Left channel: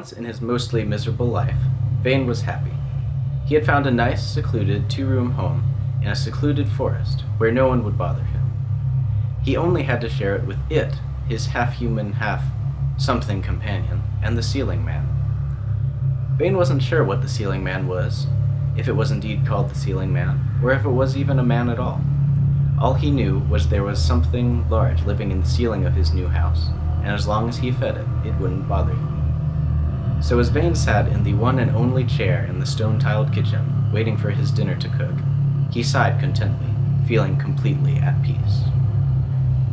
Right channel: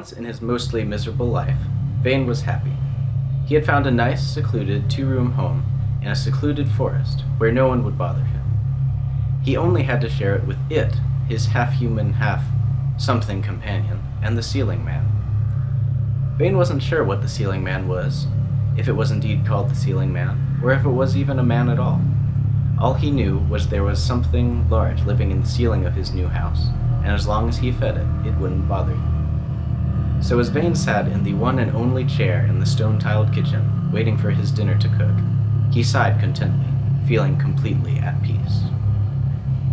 once in his mostly miserable life, Vane was happy. He had found a nice, secluded, two-room home in a secluded forest where no one would bother him. He only had to share it with it, his half-human, half-something companion, and the Ceiling Man. Vane wasn't sure what the Ceiling Man was, if it was indeed called the Ceiling Man, or if it was even a man at all. All he knew was there was something large living in the ceiling of his new house, and as long as he fed it, it wouldn't bother him. So as Vane sat in the one and only chair in the stone-tiled kitchen, waiting for his dinner to cook, he sighed contentedly, feeling completely at peace.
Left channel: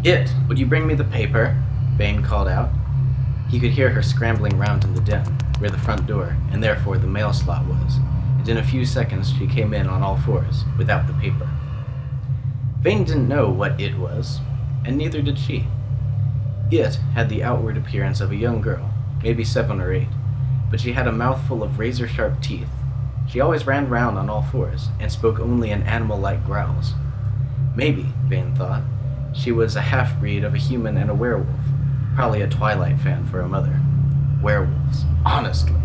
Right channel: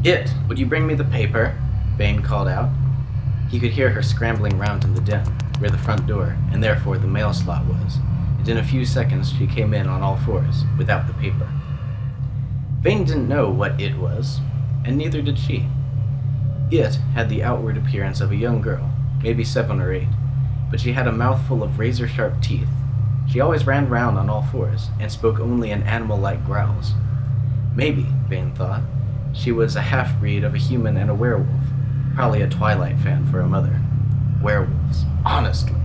"It, would you bring me the paper?" Vane called out. He could hear her scrambling round in the den, where the front door, and therefore the mail slot was, and in a few seconds she came in on all fours, without the paper. Vane didn't know what it was, and neither did she. It had the outward appearance of a young girl, maybe 7 or 8, but she had a mouthful of razor-sharp teeth. She always ran round on all fours, and spoke only in animal-like growls. Maybe, Vane thought, she was a half-breed of a human and a werewolf, probably a Twilight fan for a mother. Werewolves, honestly.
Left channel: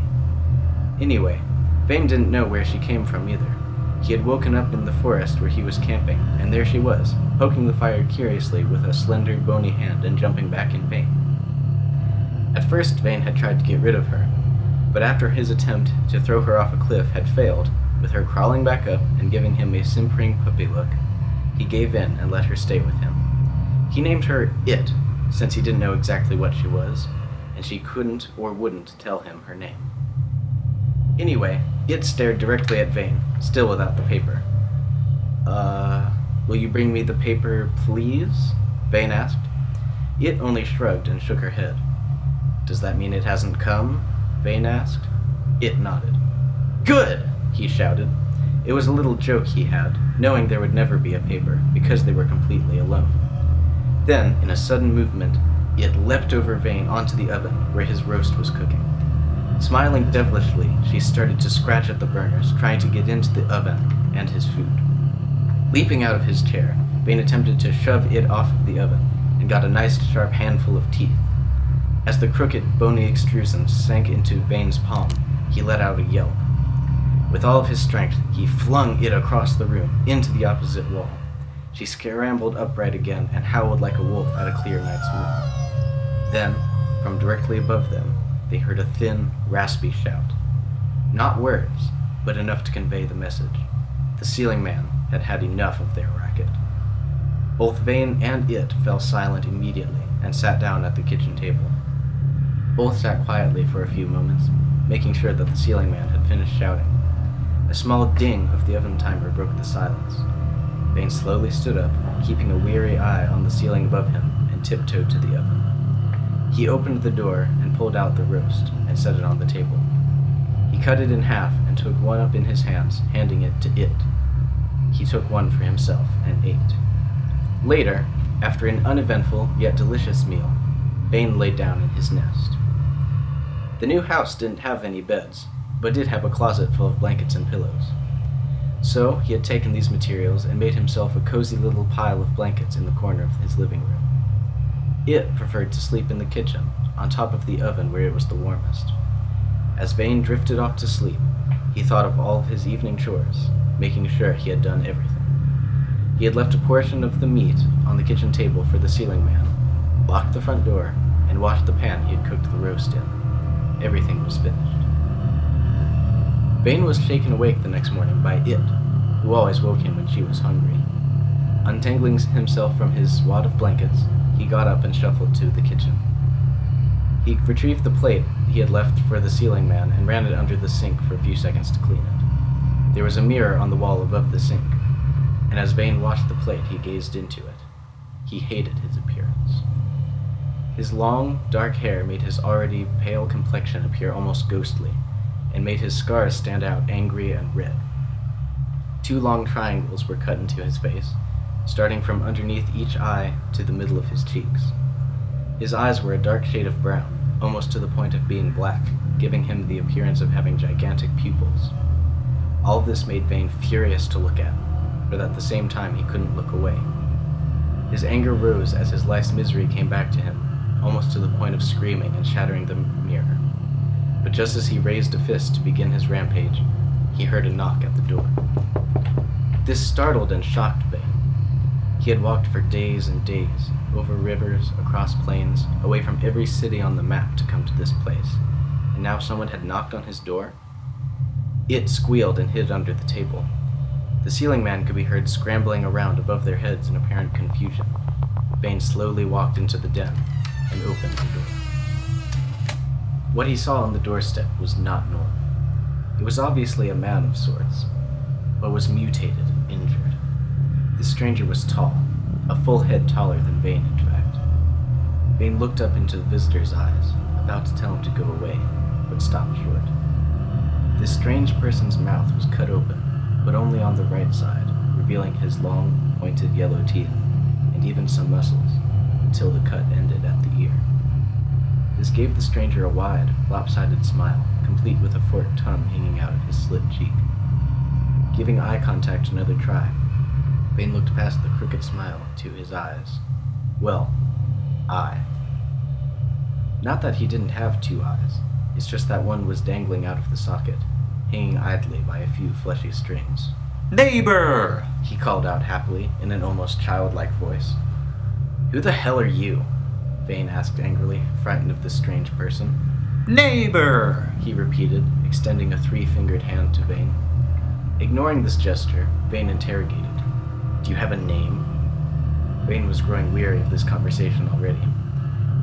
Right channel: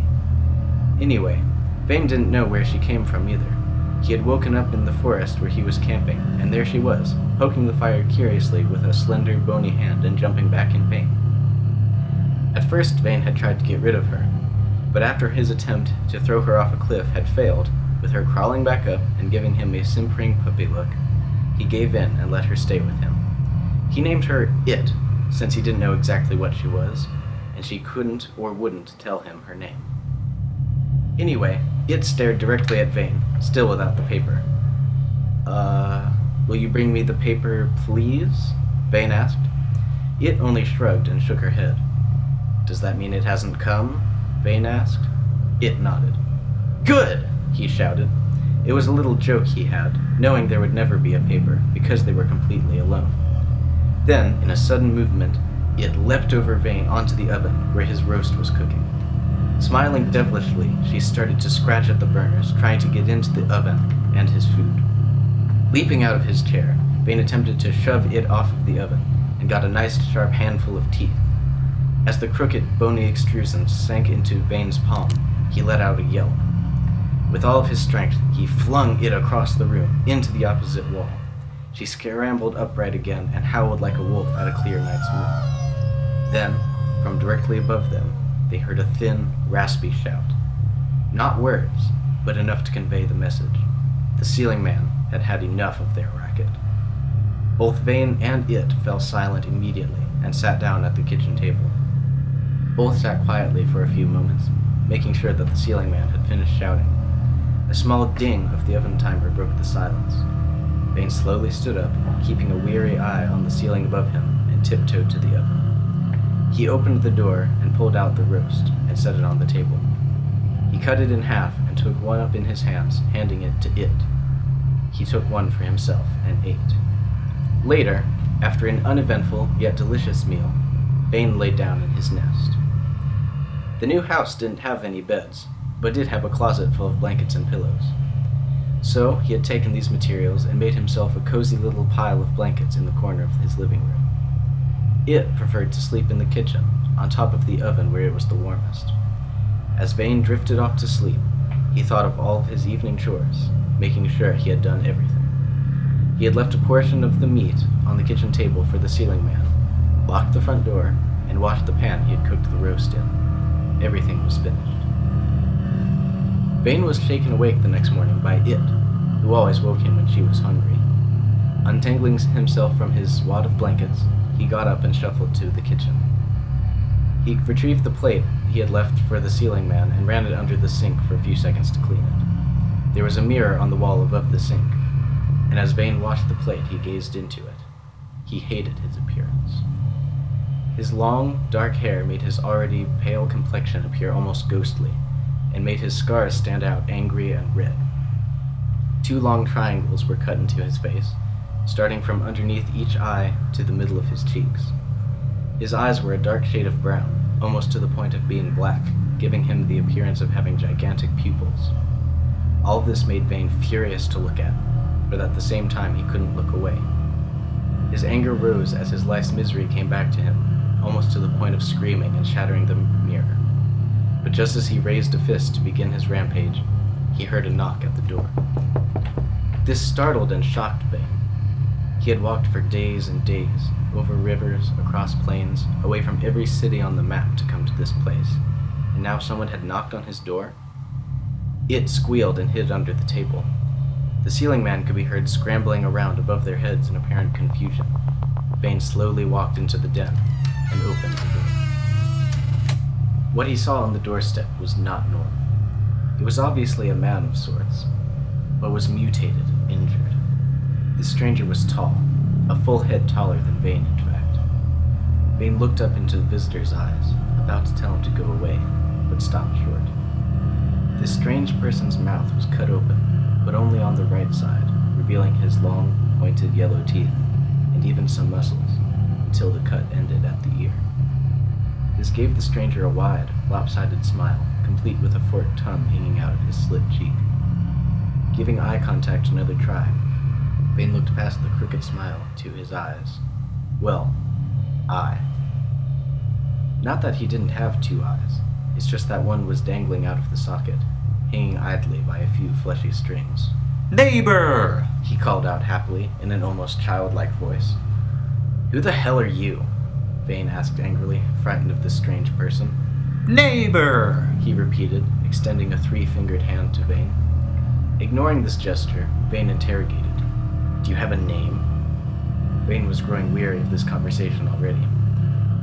Anyway, Vane didn't know where she came from either. He had woken up in the forest where he was camping, and there she was, poking the fire curiously with a slender, bony hand and jumping back in pain. At first, Vane had tried to get rid of her, but after his attempt to throw her off a cliff had failed, with her crawling back up and giving him a simpering puppy look, he gave in and let her stay with him. He named her It, since he didn't know exactly what she was, and she couldn't or wouldn't tell him her name. Anyway, It stared directly at Vane, still without the paper. Will you bring me the paper, please?" Vane asked. It only shrugged and shook her head. "Does that mean it hasn't come?" Vane asked. It nodded. "Good!" he shouted. It was a little joke he had, knowing there would never be a paper, because they were completely alone. Then, in a sudden movement, It leapt over Vane onto the oven, where his roast was cooking. Smiling devilishly, she started to scratch at the burners, trying to get into the oven and his food. Leaping out of his chair, Vane attempted to shove It off of the oven, and got a nice sharp handful of teeth. As the crooked, bony extrusion sank into Vane's palm, he let out a yelp. With all of his strength, he flung It across the room, into the opposite wall. She scrambled upright again and howled like a wolf at a clear night's moon. Then, from directly above them, they heard a thin, raspy shout. Not words, but enough to convey the message. The Ceiling Man had had enough of their racket. Both Vane and It fell silent immediately and sat down at the kitchen table. Both sat quietly for a few moments, making sure that the Ceiling Man had finished shouting. A small ding of the oven timer broke the silence. Vane slowly stood up, keeping a weary eye on the ceiling above him, and tiptoed to the oven. He opened the door and pulled out the roast and set it on the table. He cut it in half and took one up in his hands, handing it to It. He took one for himself and ate. Later, after an uneventful yet delicious meal, Vane laid down in his nest. The new house didn't have any beds, but did have a closet full of blankets and pillows. So he had taken these materials and made himself a cozy little pile of blankets in the corner of his living room. It preferred to sleep in the kitchen, on top of the oven where it was the warmest. As Vane drifted off to sleep, he thought of all of his evening chores, making sure he had done everything. He had left a portion of the meat on the kitchen table for the Ceiling Man, locked the front door, and washed the pan he had cooked the roast in. Everything was finished. Vane was shaken awake the next morning by It, who always woke him when she was hungry. Untangling himself from his wad of blankets, he got up and shuffled to the kitchen. He retrieved the plate he had left for the Ceiling Man and ran it under the sink for a few seconds to clean it. There was a mirror on the wall above the sink, and as Vane washed the plate, he gazed into it. He hated his appearance. His long, dark hair made his already pale complexion appear almost ghostly, and made his scars stand out angry and red. 2 long triangles were cut into his face, starting from underneath each eye to the middle of his cheeks. His eyes were a dark shade of brown, almost to the point of being black, giving him the appearance of having gigantic pupils. All of this made Vane furious to look at, but at the same time he couldn't look away. His anger rose as his life's misery came back to him, almost to the point of screaming and shattering the mirror. But just as he raised a fist to begin his rampage, he heard a knock at the door. This startled and shocked Vane. He had walked for days and days, over rivers, across plains, away from every city on the map to come to this place, and now someone had knocked on his door? It squealed and hid under the table. The ceiling man could be heard scrambling around above their heads in apparent confusion. Vane slowly walked into the den and opened the door. What he saw on the doorstep was not normal. It was obviously a man of sorts, but was mutated and injured. The stranger was tall, a full head taller than Vane, in fact. Vane looked up into the visitor's eyes, about to tell him to go away, but stopped short. This strange person's mouth was cut open, but only on the right side, revealing his long, pointed yellow teeth, and even some muscles, until the cut ended at the ear. This gave the stranger a wide, lopsided smile, complete with a forked tongue hanging out of his slit cheek. Giving eye contact another try, Vane looked past the crooked smile to his eyes. Well, eye. Not that he didn't have two eyes, it's just that one was dangling out of the socket, hanging idly by a few fleshy strings. "Neighbor!" he called out happily, in an almost childlike voice. "Who the hell are you?" Vane asked angrily, frightened of this strange person. "Neighbor!" he repeated, extending a three-fingered hand to Vane. Ignoring this gesture, Vane interrogated. "Do you have a name?" Vane was growing weary of this conversation already.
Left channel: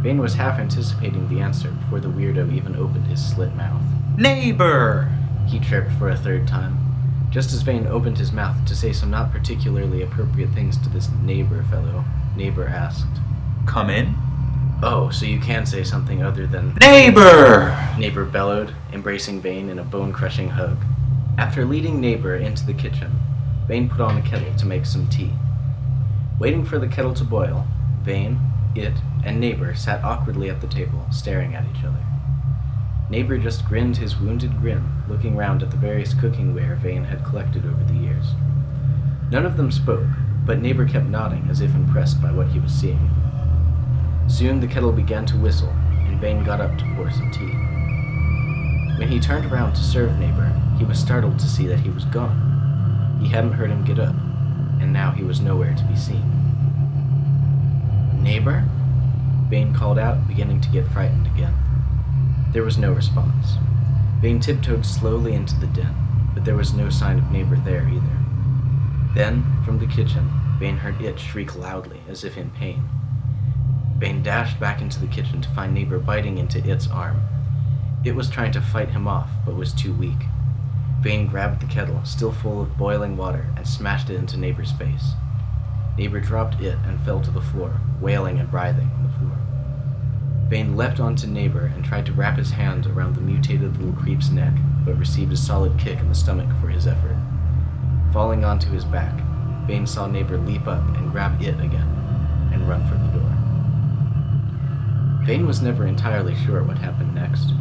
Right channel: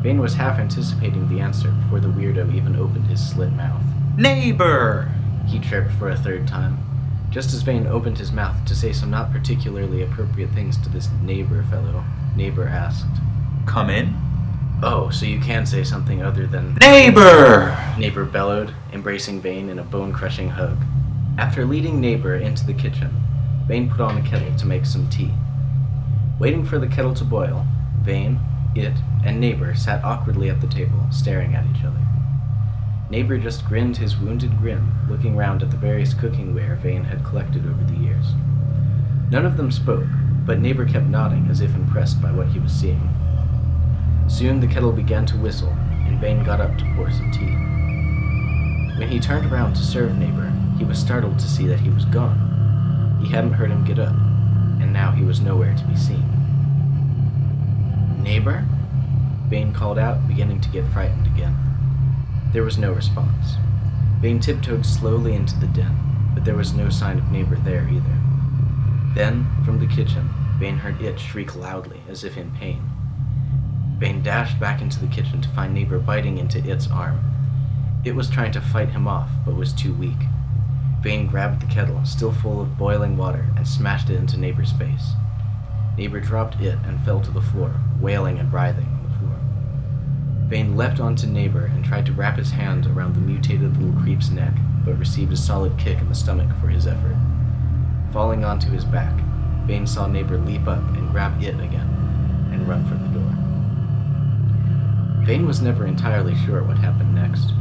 Vane was half anticipating the answer before the weirdo even opened his slit mouth. "Neighbor!" he chirped for a third time, just as Vane opened his mouth to say some not particularly appropriate things to this neighbor fellow. Neighbor asked, "Come in?" "Oh, so you can say something other than "Neighbor!" Neighbor bellowed, embracing Vane in a bone-crushing hug. After leading Neighbor into the kitchen, Vane put on a kettle to make some tea. Waiting for the kettle to boil, Vane, it, and Neighbor sat awkwardly at the table, staring at each other. Neighbor just grinned his wounded grin, looking round at the various cooking ware Vane had collected over the years. None of them spoke, but Neighbor kept nodding as if impressed by what he was seeing. Soon the kettle began to whistle, and Vane got up to pour some tea. When he turned around to serve Neighbor, he was startled to see that he was gone. He hadn't heard him get up, and now he was nowhere to be seen. "Neighbor?" Vane called out, beginning to get frightened again. There was no response. Vane tiptoed slowly into the den, but there was no sign of Neighbor there either. Then, from the kitchen, Vane heard it shriek loudly, as if in pain. Vane dashed back into the kitchen to find Neighbor biting into It's arm. It was trying to fight him off, but was too weak. Vane grabbed the kettle, still full of boiling water, and smashed it into Neighbor's face. Neighbor dropped it and fell to the floor, wailing and writhing on the floor. Vane leapt onto Neighbor and tried to wrap his hand around the mutated little creep's neck, but received a solid kick in the stomach for his effort. Falling onto his back, Vane saw Neighbor leap up and grab it again, and run for the door. Vane was never entirely sure what happened next.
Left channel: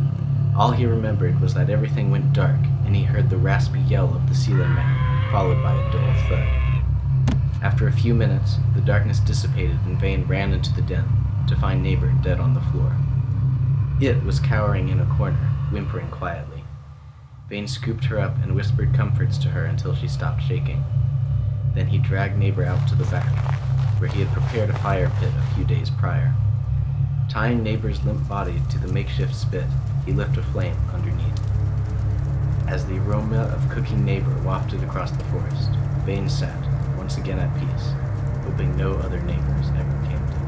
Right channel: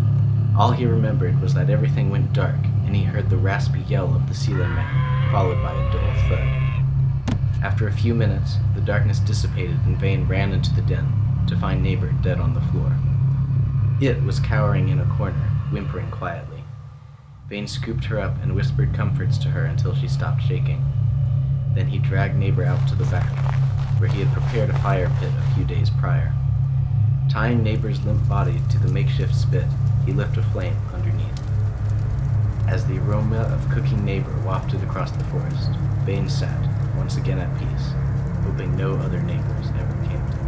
All he remembered was that everything went dark, and he heard the raspy yell of the ceiling man, followed by a dull thud. After a few minutes, the darkness dissipated and Vane ran into the den, to find Neighbor dead on the floor. It was cowering in a corner, whimpering quietly. Vane scooped her up and whispered comforts to her until she stopped shaking. Then he dragged Neighbor out to the back, where he had prepared a fire pit a few days prior. Tying Neighbor's limp body to the makeshift spit, he lit a flame underneath. As the aroma of cooking Neighbor wafted across the forest, Vane sat, once again at peace, hoping no other neighbors ever came to him.